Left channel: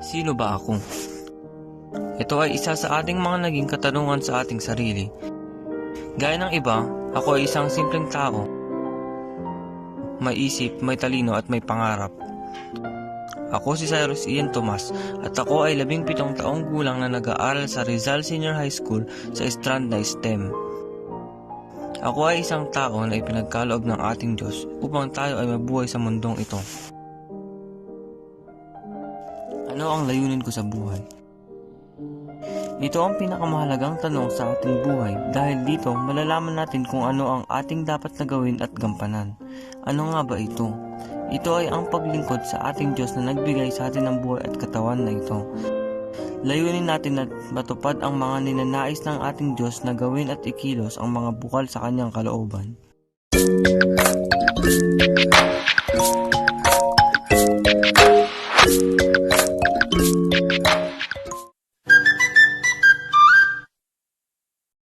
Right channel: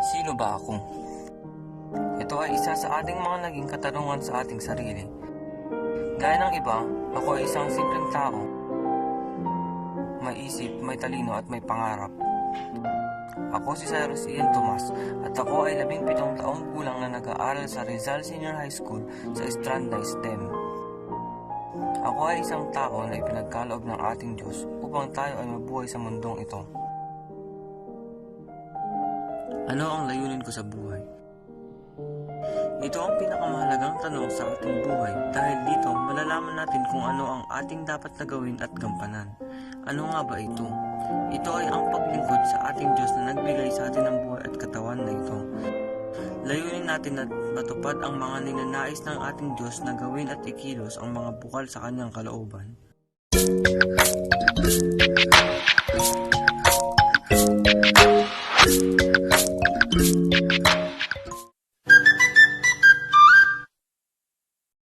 Sino ba ako? Ito ay isa sa ating mga naging katanungan sa ating sarili. Gaya ng iba, ako ay isang simpleng tao. May isip, may talino at may pangarap. Ako si Cyrus Ian Tomas at ako ay 17 taong gulang na nag-aaral sa Rizal Senior High School sa Estranda STEM. Ako ay isang tao na ipinagkaloob ng ating Diyos upang tayo ay mabuhay sa mundong ito. Ano ang layunin ko sa buhay? Ito ang pinakamahalagang tanong sa ating buhay dahil dito malalaman natin kung ano ang ating dapat na gawin at gampanan. Ano nga ba ito? Ito ay ang paglingkod sa ating Diyos na nagbigay sa atin ng buhay at katawan na ito. Layunin natin na matupad ang mga ninanais ng ating Diyos na gawin at ikilos ang mga bukal sa kanyang kalooban.